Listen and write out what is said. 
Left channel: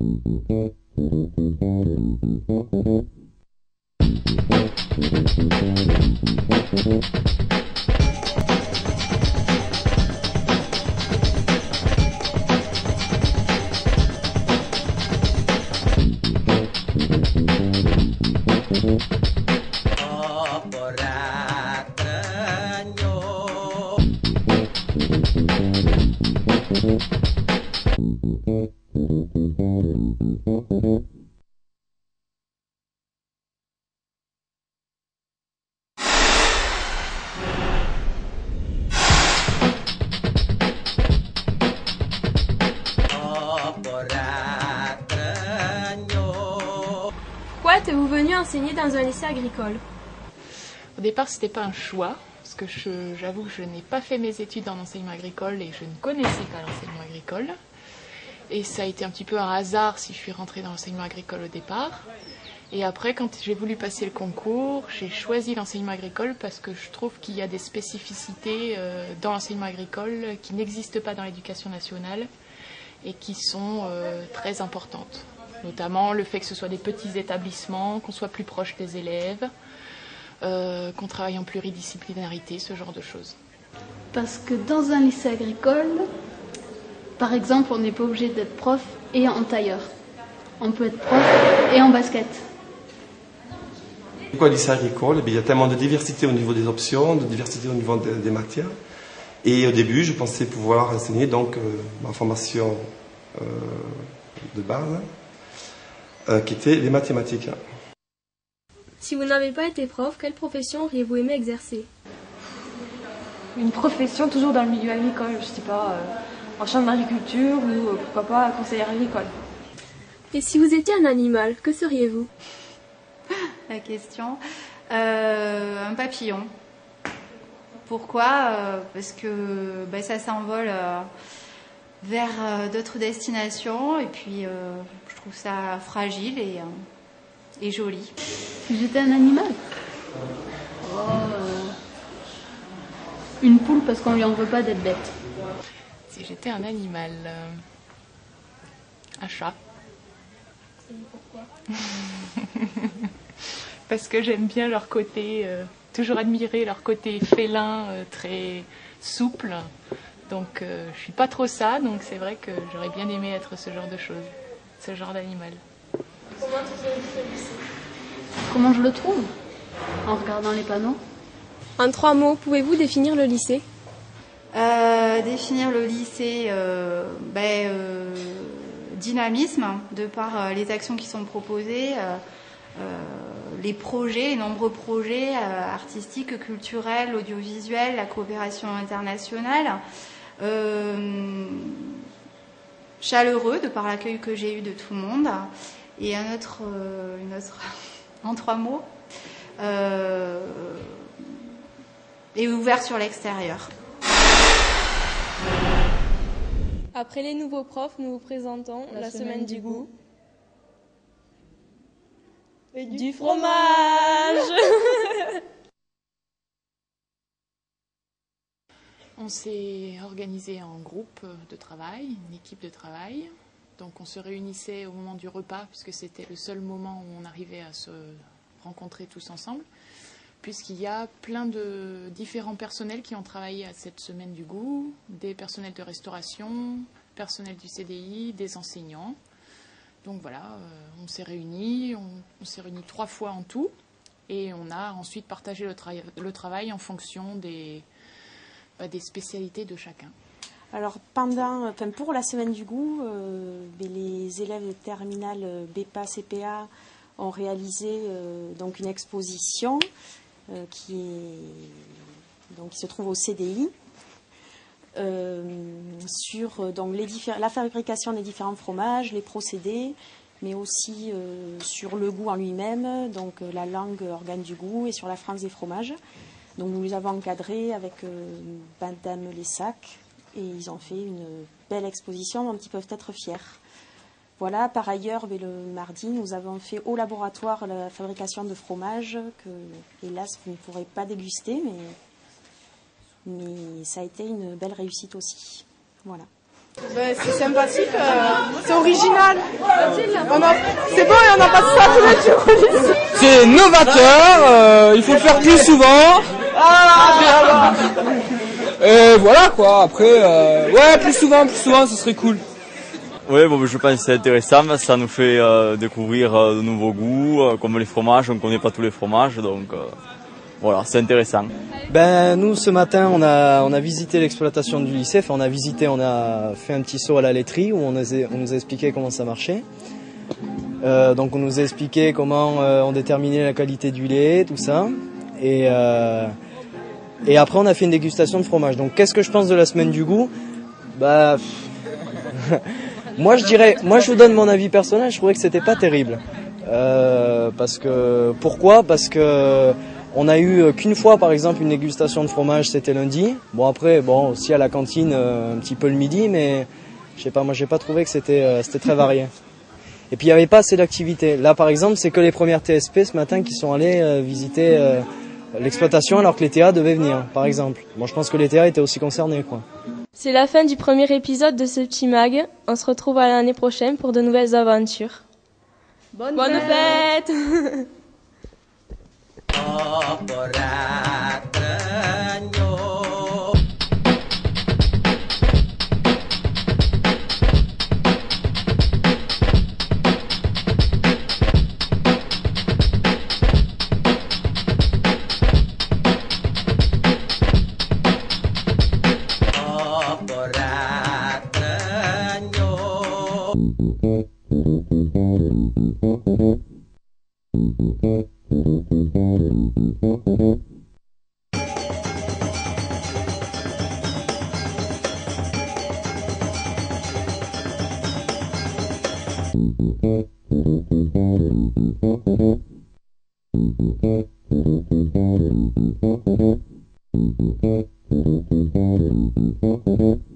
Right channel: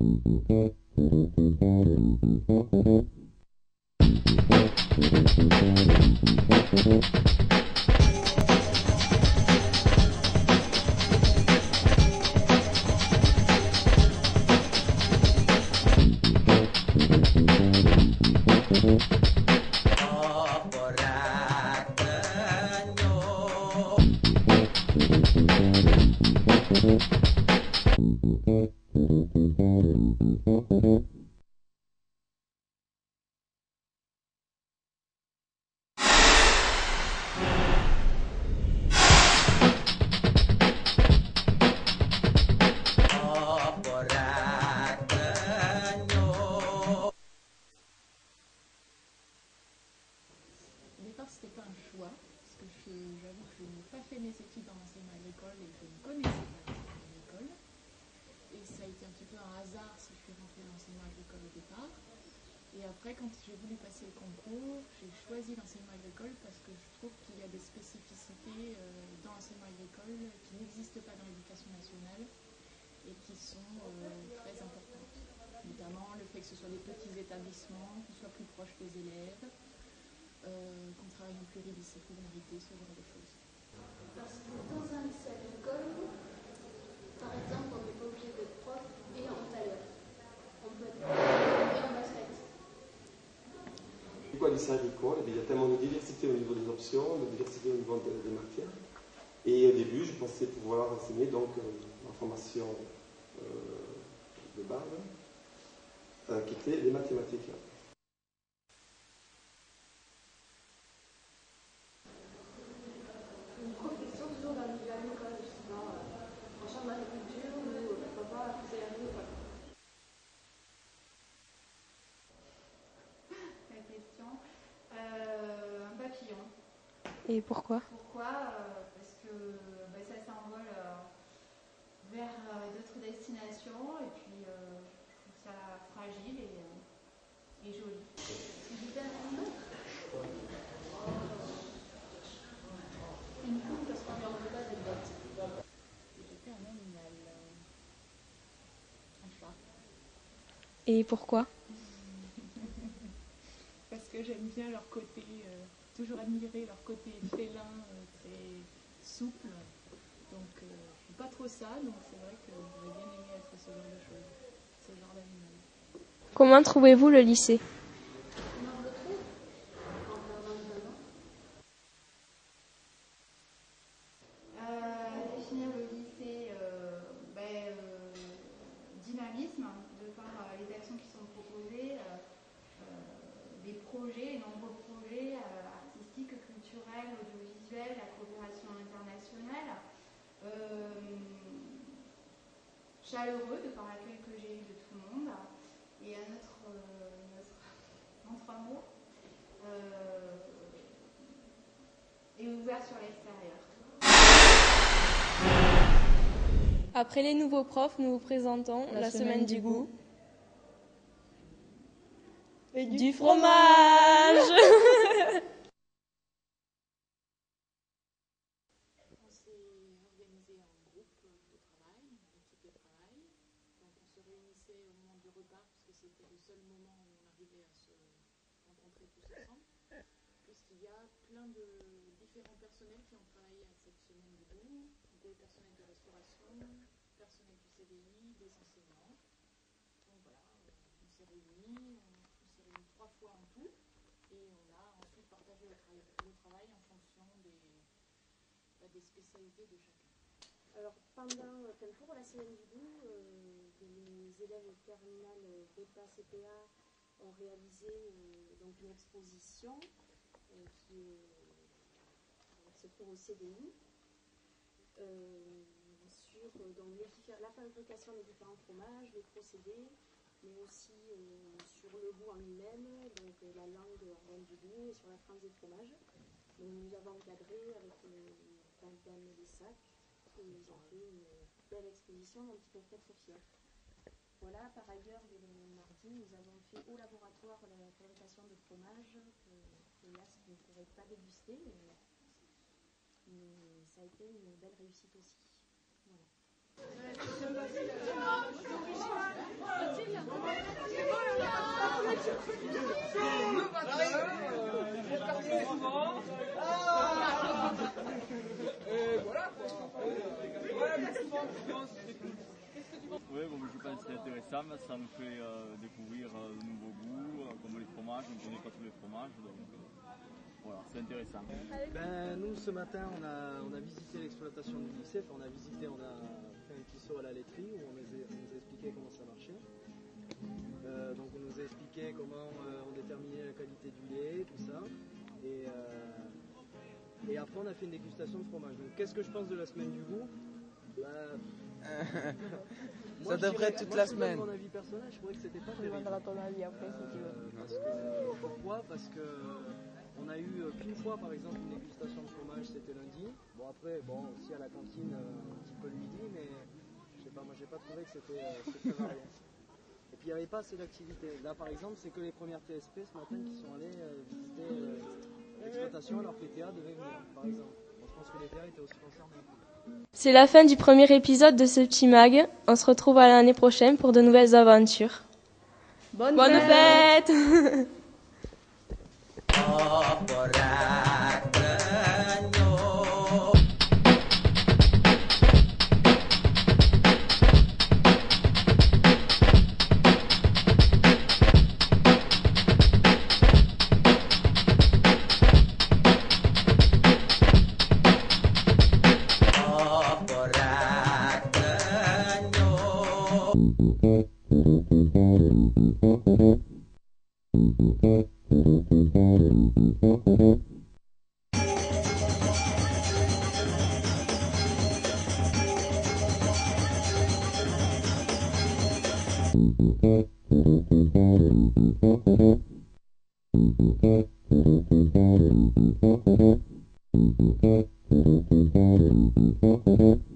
Pourquoi êtes-vous venu enseigner dans un lycée agricole? Au départ, ce n'était pas un choix, parce que j'avoue que je n'ai pas fait mes études en enseignement agricole et je ne connaissais pas l'enseignement agricole. Et ça a été un petit peu un hasard si je suis rentrée dans l'enseignement agricole au départ. Et après, quand j'ai voulu passer le concours, j'ai choisi l'enseignement agricole parce que je trouve qu'il y a des spécificités dans l'enseignement agricole qui n'existent pas dans l'éducation nationale et qui sont très importantes. Notamment le fait que ce soit des petits établissements, qu'on soit plus proche des élèves, qu'on travaille en pluridisciplinarité, ce genre de choses. Parce que dans un lycée agricole, par exemple, on n'est pas obligé d'être prof et en tailleur. On peut être prof et en basket. Pourquoi le lycée agricole? Il y a tellement de diversité au niveau des options, de diversité au niveau des matières. Et au début, je pensais pouvoir enseigner donc ma formation de base, qui était les mathématiques. Si vous n'avez pas été prof, quelle profession auriez-vous aimé exercer? Une profession toujours dans le milieu agricole, je sais pas, en chambre d'agriculture ou pourquoi pas conseillère agricole. Et si vous étiez un animal, que seriez-vous? La question. Un papillon. Et pourquoi? Pourquoi? Parce que ça s'envole vers d'autres destinations et puis je trouve ça fragile et joli. Si j'étais un animal, une poule parce qu'on lui en veut pas d'être bête. Si j'étais un animal, un chat. Et pourquoi? Parce que j'aime bien leur côté, toujours admirer leur côté félin, très souple. Donc je suis pas trop ça, donc c'est vrai que j'aurais bien aimé être ce genre de choses, ce genre d'animal. Comment trouvez-vous le lycée? Comment je le trouve? En regardant les panneaux. En 3 mots, pouvez-vous définir le lycée? Définir le lycée, dynamisme, de par les actions qui sont proposées, les projets, les nombreux projets artistiques, culturels, audiovisuels, la coopération internationale. Chaleureux, de par l'accueil que j'ai eu de tout le monde. Et une autre en 3 mots, et ouvert sur l'extérieur. Après les nouveaux profs, nous vous présentons la semaine du goût. Et du fromage. On s'est organisé en groupe de travail, une équipe de travail. Donc on se réunissait au moment du repas, puisque c'était le seul moment où on arrivait à se rencontrer tous ensemble, puisqu'il y a plein de différents personnels qui ont travaillé à cette semaine du goût, des personnels de restauration, personnel du CDI, des enseignants. Donc voilà, on s'est réunis, on s'est réunis 3 fois en tout, et on a ensuite partagé le travail en fonction des spécialités de chacun. Alors pour la semaine du goût, les élèves de terminale BEPA, CPA ont réalisé donc une exposition qui se trouve au CDI sur donc la fabrication des différents fromages, les procédés, mais aussi sur le goût en lui-même, donc la langue organe du goût, et sur la France des fromages. Donc nous les avons encadrés avec Madame Lessac, et ils ont fait une belle exposition dont ils peuvent être fiers. Voilà, par ailleurs, le mardi, nous avons fait au laboratoire la fabrication de fromage que, hélas, vous ne pourrez pas déguster, mais ça a été une belle réussite aussi. Voilà. C'est sympathique, c'est original. C'est bon et on n'a pas ça tous les jours. C'est novateur, il faut le faire plus souvent. Et voilà quoi, après, ouais, plus souvent, ce serait cool. Oui, bon, je pense que c'est intéressant, ça nous fait découvrir de nouveaux goûts, comme les fromages, on ne connaît pas tous les fromages, donc voilà, c'est intéressant. Nous, ce matin, on a visité l'exploitation du lycée, on a fait un petit saut à la laiterie où on nous a expliqué comment ça marchait. Donc on nous a expliqué comment on déterminait la qualité du lait, tout ça. Et après, on a fait une dégustation de fromage. Donc qu'est-ce que je pense de la semaine du goût ? Moi, je vous donne mon avis personnel, je trouvais que c'était pas terrible. Pourquoi ? Parce que on a eu qu'une fois, par exemple, une dégustation de fromage, c'était lundi. Bon, après, aussi à la cantine, un petit peu le midi, mais je sais pas, moi, j'ai pas trouvé que c'était très varié. Et puis, il n'y avait pas assez d'activité. Là, par exemple, c'est que les premières TSP ce matin qui sont allés visiter l'exploitation alors que les TA devaient venir, par exemple. Bon, je pense que les TA étaient aussi concernés, quoi. C'est la fin du premier épisode de ce petit mag. On se retrouve à l'année prochaine pour de nouvelles aventures. Bonne fête. Thank you.